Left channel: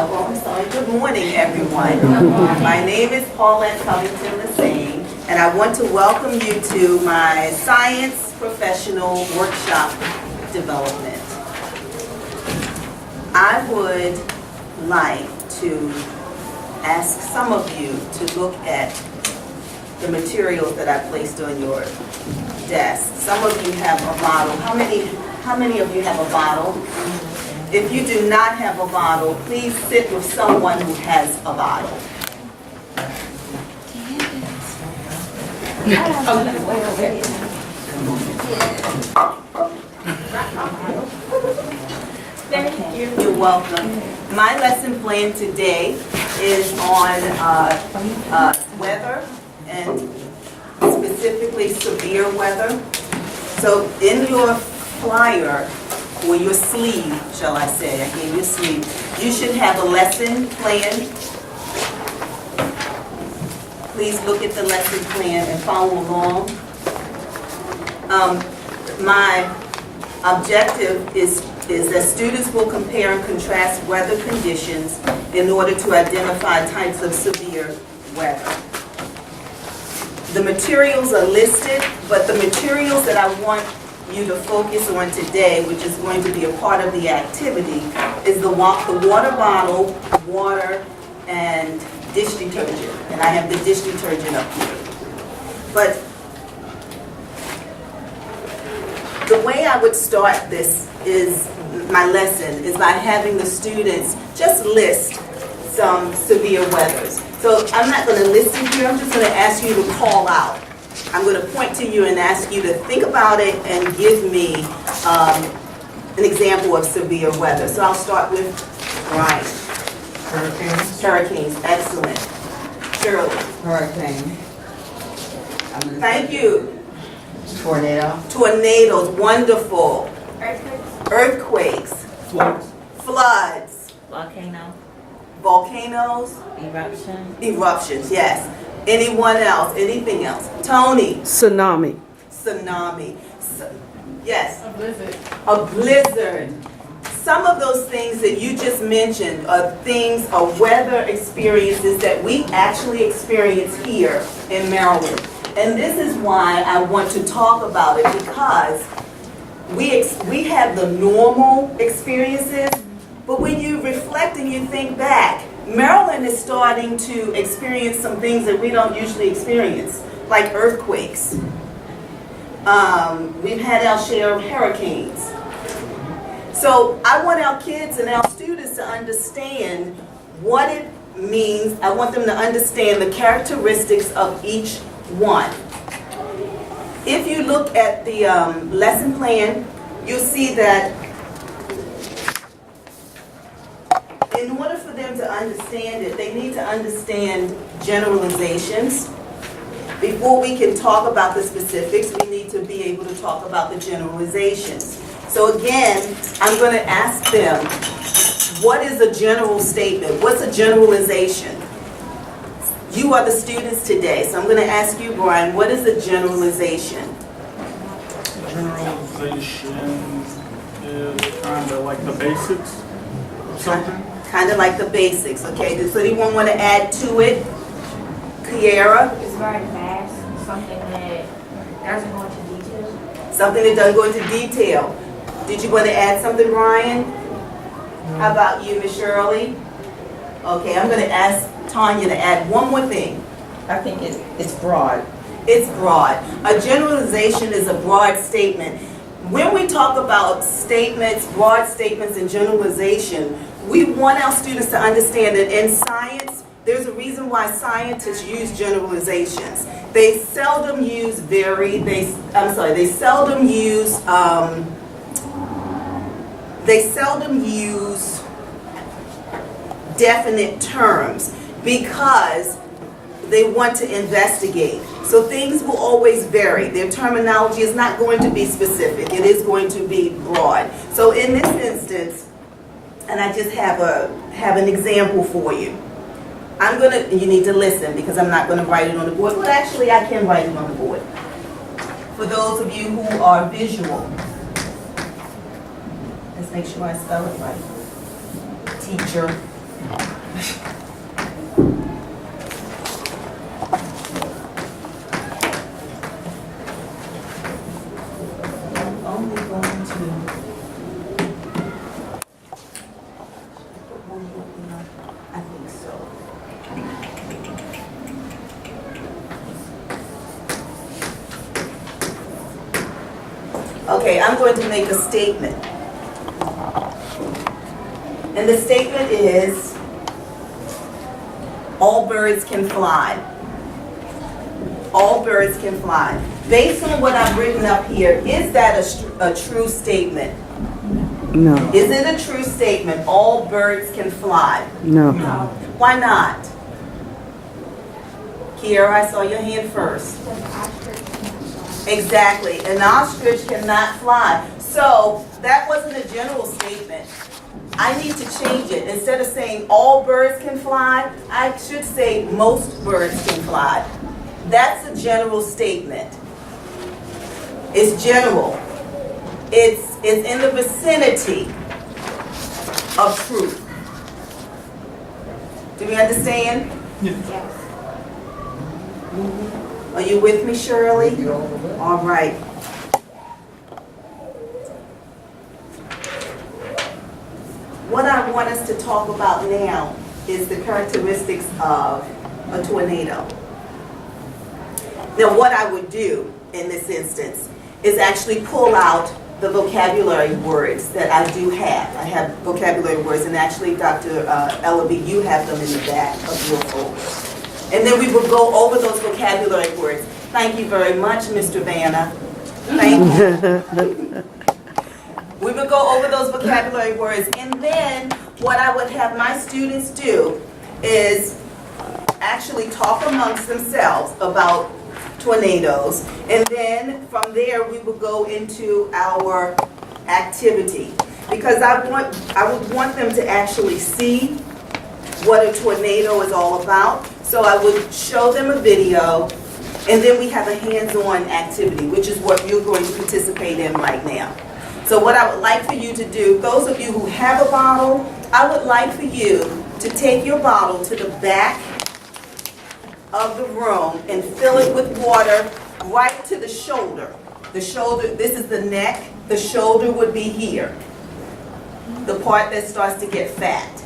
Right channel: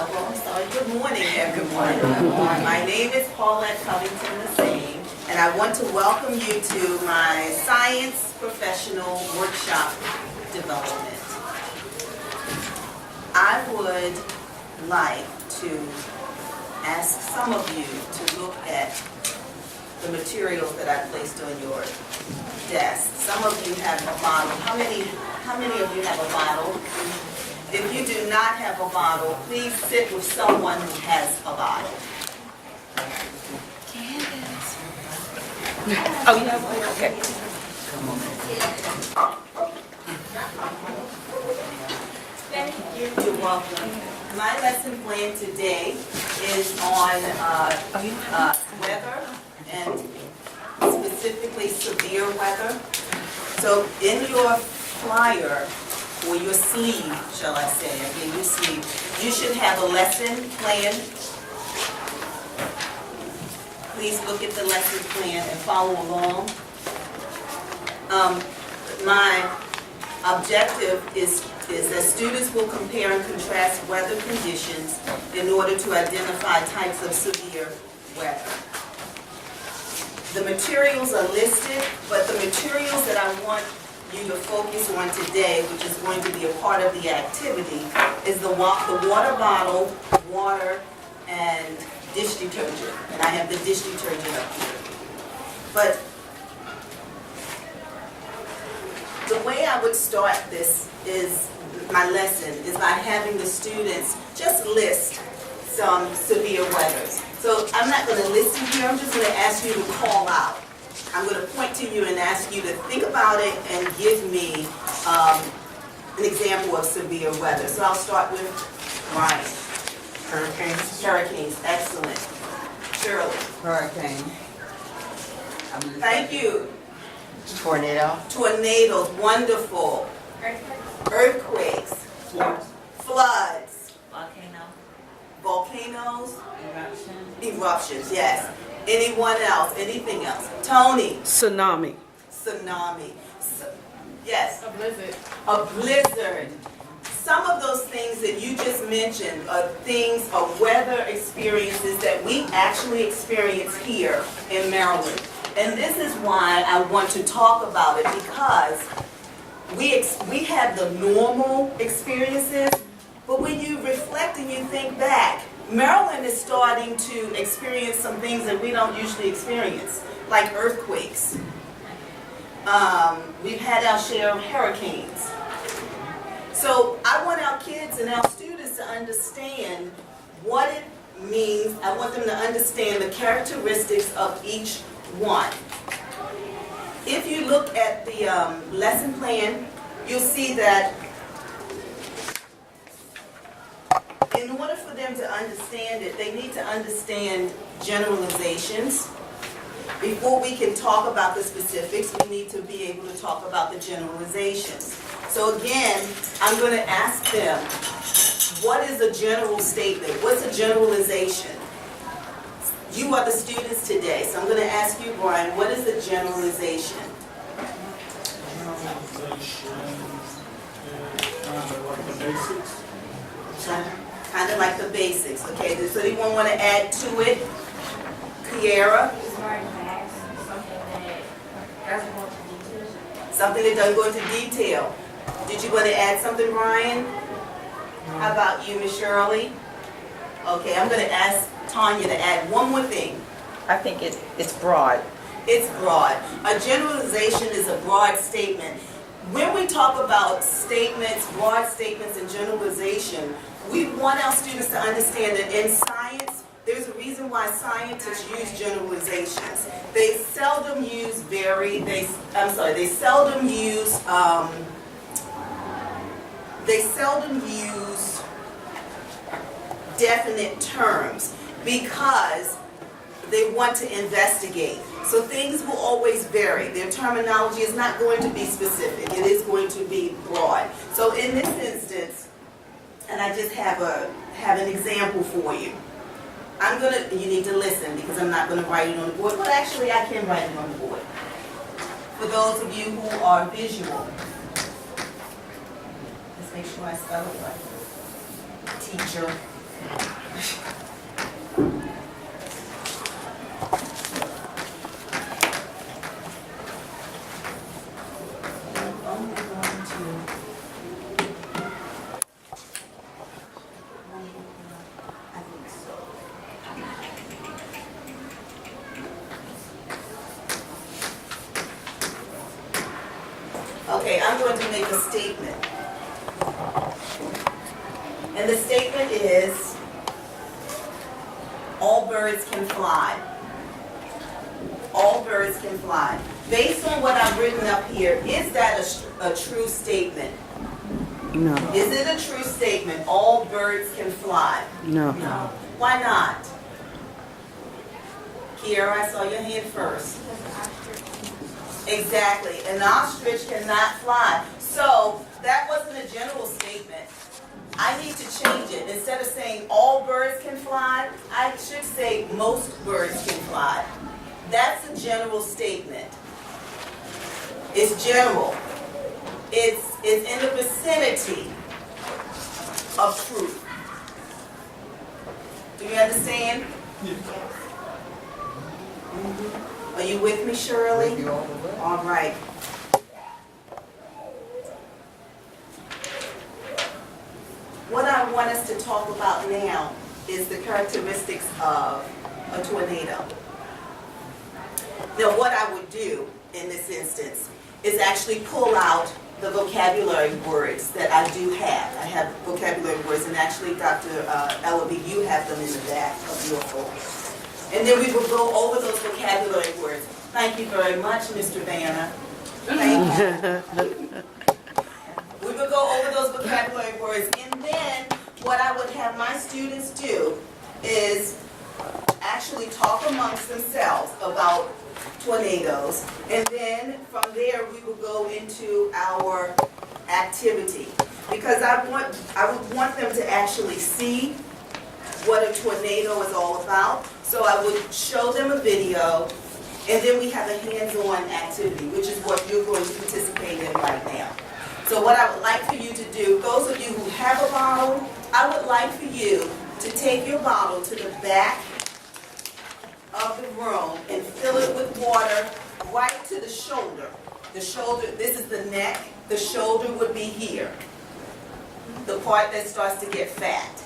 I'm sorry. Good morning, everyone. My name is Paulette Covington, Lesane, and I want to welcome you to my Science Professional Workshop Development. I would like to ask some of you to look at the materials that I placed on your desk. Some of you have a bottle. How many of you have a bottle? If you do not have a bottle, please sit with someone who has a bottle. Thank you. You're welcome. My lesson plan today is on weather, and specifically severe weather. So in your flyer, or your sleeve, shall I say, I gave you a sleeve, you should have a lesson plan. Please look at the lesson plan and follow along. My objective is that students will compare and contrast weather conditions in order to identify types of severe weather. The materials are listed, but the materials that I want you to focus on today, which is going to be a part of the activity, is the water bottle, water, and dish detergent. And I have the dish detergent up here. But the way I would start this my lesson is by having the students just list some severe weathers. So I'm not going to list it here, I'm just going to ask you to call out. I'm going to point to you and ask you to think about it and give me an example of severe weather. So I'll start with Ryan. Hurricanes. Hurricanes, excellent. Shirley. Hurricane. Thank you. Tornado. Tornadoes, wonderful. Earthquakes. Earthquakes. Floods. Floods. Volcano. Volcanoes. Eruption. Eruptions, yes. Anyone else? Anything else? Tony. Tsunami. Tsunami. Yes. A blizzard. A blizzard. Some of those things that you just mentioned are weather experiences that we actually experience here in Maryland. And this is why I want to talk about it, because we have the normal experiences, but when you reflect and you think back, Maryland is starting to experience some things that we don't usually experience, like earthquakes. We've had our share of hurricanes. So I want our kids and our students to understand what it means. I want them to understand the characteristics of each one. If you look at the lesson plan, you'll see that in order for them to understand it, they need to understand generalizations. Before we can talk about the specifics, we need to be able to talk about the generalizations. So again, I'm going to ask them, what is a general statement? What's a generalization? You are the students today, so I'm going to ask you, Brian, what is a generalization? Generalization is kind of like the basics of something. Kind of like the basics, okay? Does anyone want to add to it? Kiara? It's very fast. Something that doesn't go into detail. Something that doesn't go into detail. Did you want to add something, Brian? How about you, Miss Shirley? Okay, I'm going to ask Tanya to add one more thing. I think it's broad. It's broad. A generalization is a broad statement. When we talk about statements, broad statements, and generalization, we want our students to understand that in science, there's a reason why scientists use generalizations. They seldom use definite terms because they want to investigate. So things will always vary. Their terminology is not going to be specific. It is going to be broad. So in this instance, and I just have an example for you. You need to listen because I'm not going to write it on the board. Well, actually, I can write it on the board. For those of you who are visual, let's make sure I spell it right. Teacher. I'm only going to. I think so. Okay, I'm going to make a statement. And the statement is, all birds can fly. All birds can fly. Based on what I've written up here, is that a true statement? No. Is it a true statement, all birds can fly? No. Why not? Kiara, I saw your hand first. Exactly, an ostrich cannot fly. So that wasn't a general statement. I need to change it. Instead of saying all birds can fly, I should say most birds can fly. That's a general statement. It's general. It's in the vicinity of truth. Do we understand? Yes. Are you with me, Shirley? All right. What I want us to talk about now is the characteristics of a tornado. Now, what I would do in this instance is actually pull out the vocabulary words that I do have. I have vocabulary words, and actually, Dr. Ellaby, you have them in the back of your folder. And then we will go over those vocabulary words. Thank you very much, Mr. Vanna. Thank you. We will go over those vocabulary words, and then what I would have my students do is actually talk amongst themselves about tornadoes, and then from there we will go into our activity, because I would want them to actually see what a tornado is all about. So I would show them a video, and then we have a hands-on activity, which is what you're going to participate in right now. So what I would like for you to do, those of you who have a bottle, I would like for you to take your bottle to the back of the room and fill it with water right to the shoulder. The shoulder, this is the neck, the shoulder would be here, the part that starts to get fat.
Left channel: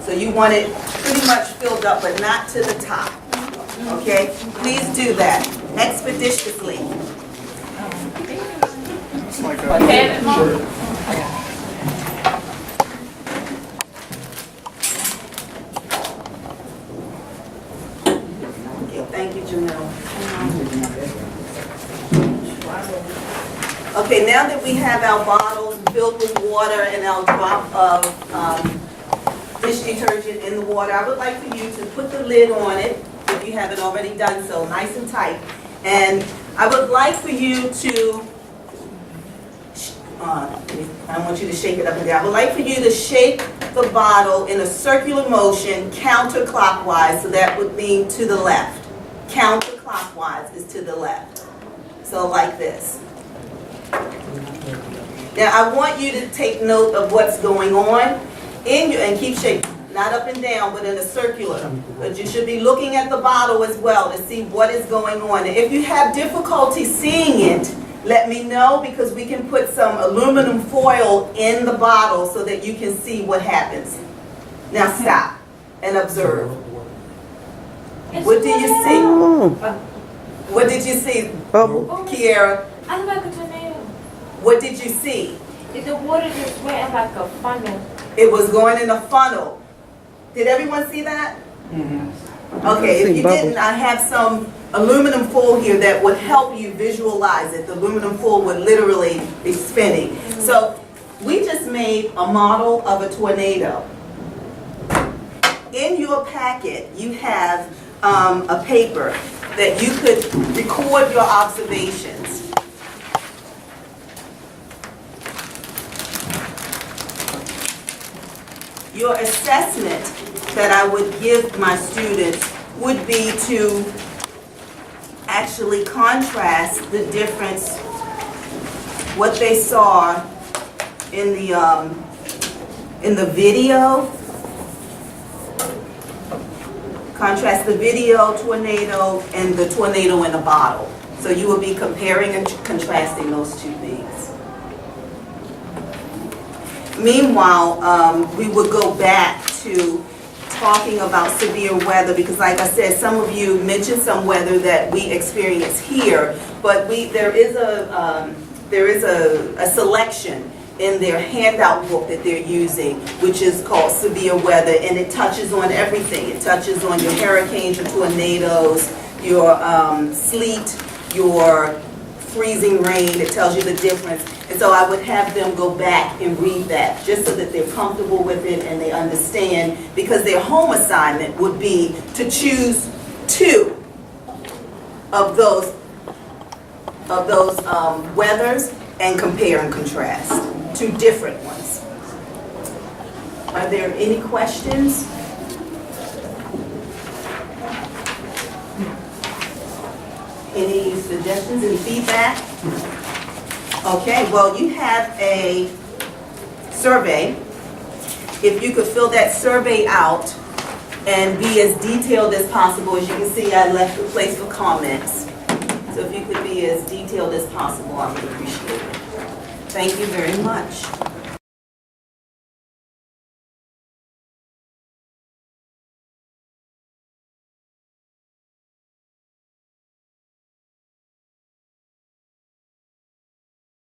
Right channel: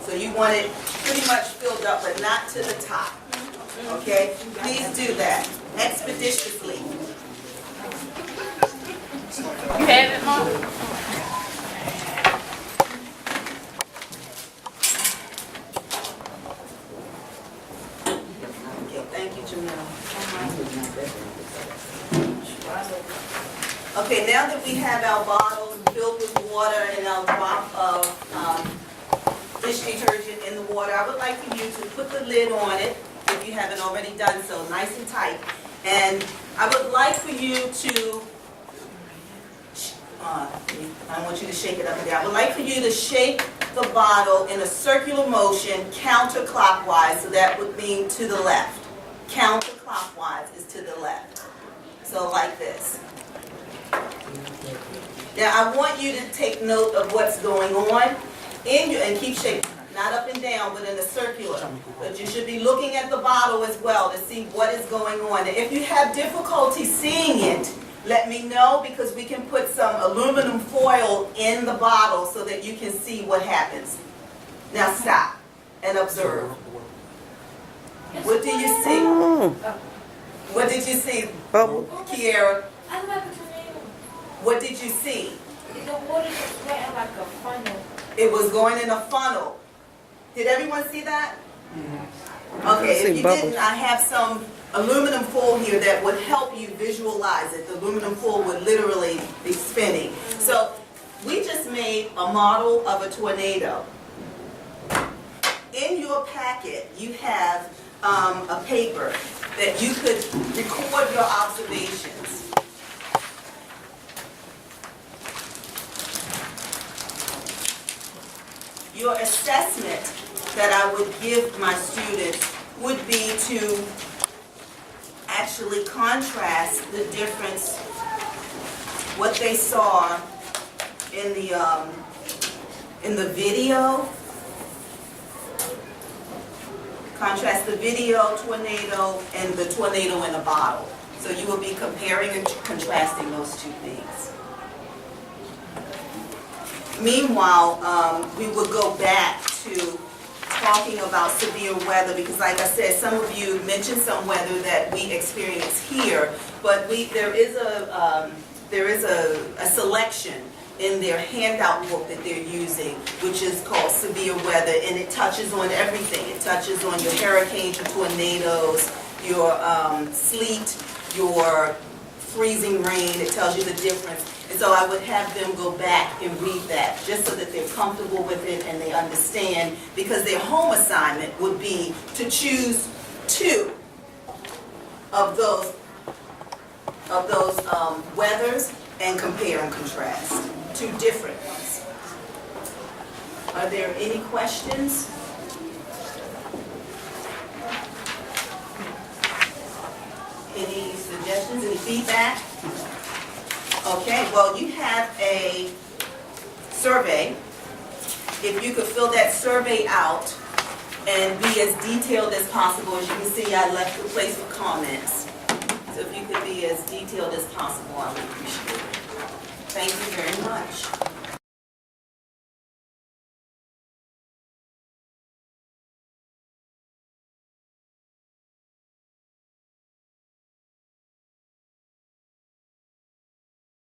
So you want it pretty much filled up, but not to the top. Okay? Please do that expeditiously. Okay, Mom. Okay, thank you, Jamil. Okay, now that we have our bottles filled with water and our drop of dish detergent in the water, I would like for you to put the lid on it, if you haven't already done so, nice and tight. And I would like for you to, I don't want you to shake it up and down. I would like for you to shake the bottle in a circular motion counterclockwise, so that would mean to the left. Counterclockwise is to the left. So like this. Now I want you to take note of what's going on in your, and keep shaking, not up and down, but in a circular. But you should be looking at the bottle as well to see what is going on. And if you have difficulty seeing it, let me know, because we can put some aluminum foil in the bottle so that you can see what happens. Now stop and observe. What do you see? What did you see, Kiara? I like a tornado. What did you see? If the water just went like a funnel. It was going in a funnel. Did everyone see that? Mm-hmm. Okay, if you didn't, I have some aluminum foil here that would help you visualize it. The aluminum foil would literally be spinning. So we just made a model of a tornado. In your packet, you have a paper that you could record your observations. Your assessment that I would give my students would be to actually contrast the difference, what they saw in the video Contrast the video tornado and the tornado in a bottle. So you will be comparing and contrasting those two things. Meanwhile, we would go back to talking about severe weather because, like I said, some of you mentioned some weather that we experience here, but there is a selection in their handout book that they're using, which is called Severe Weather, and it touches on everything. It touches on your hurricanes, your tornadoes, your sleet, your freezing rain. It tells you the difference. And so I would have them go back and read that just so that they're comfortable with it and they understand, because their home assignment would be to choose two of those weathers and compare and contrast. Two different ones. Are there any questions? Any suggestions, any feedback? Okay, well, you have a survey. If you could fill that survey out and be as detailed as possible. As you can see, I left the place for comments. So if you could be as detailed as possible, I would appreciate it. Thank you very much.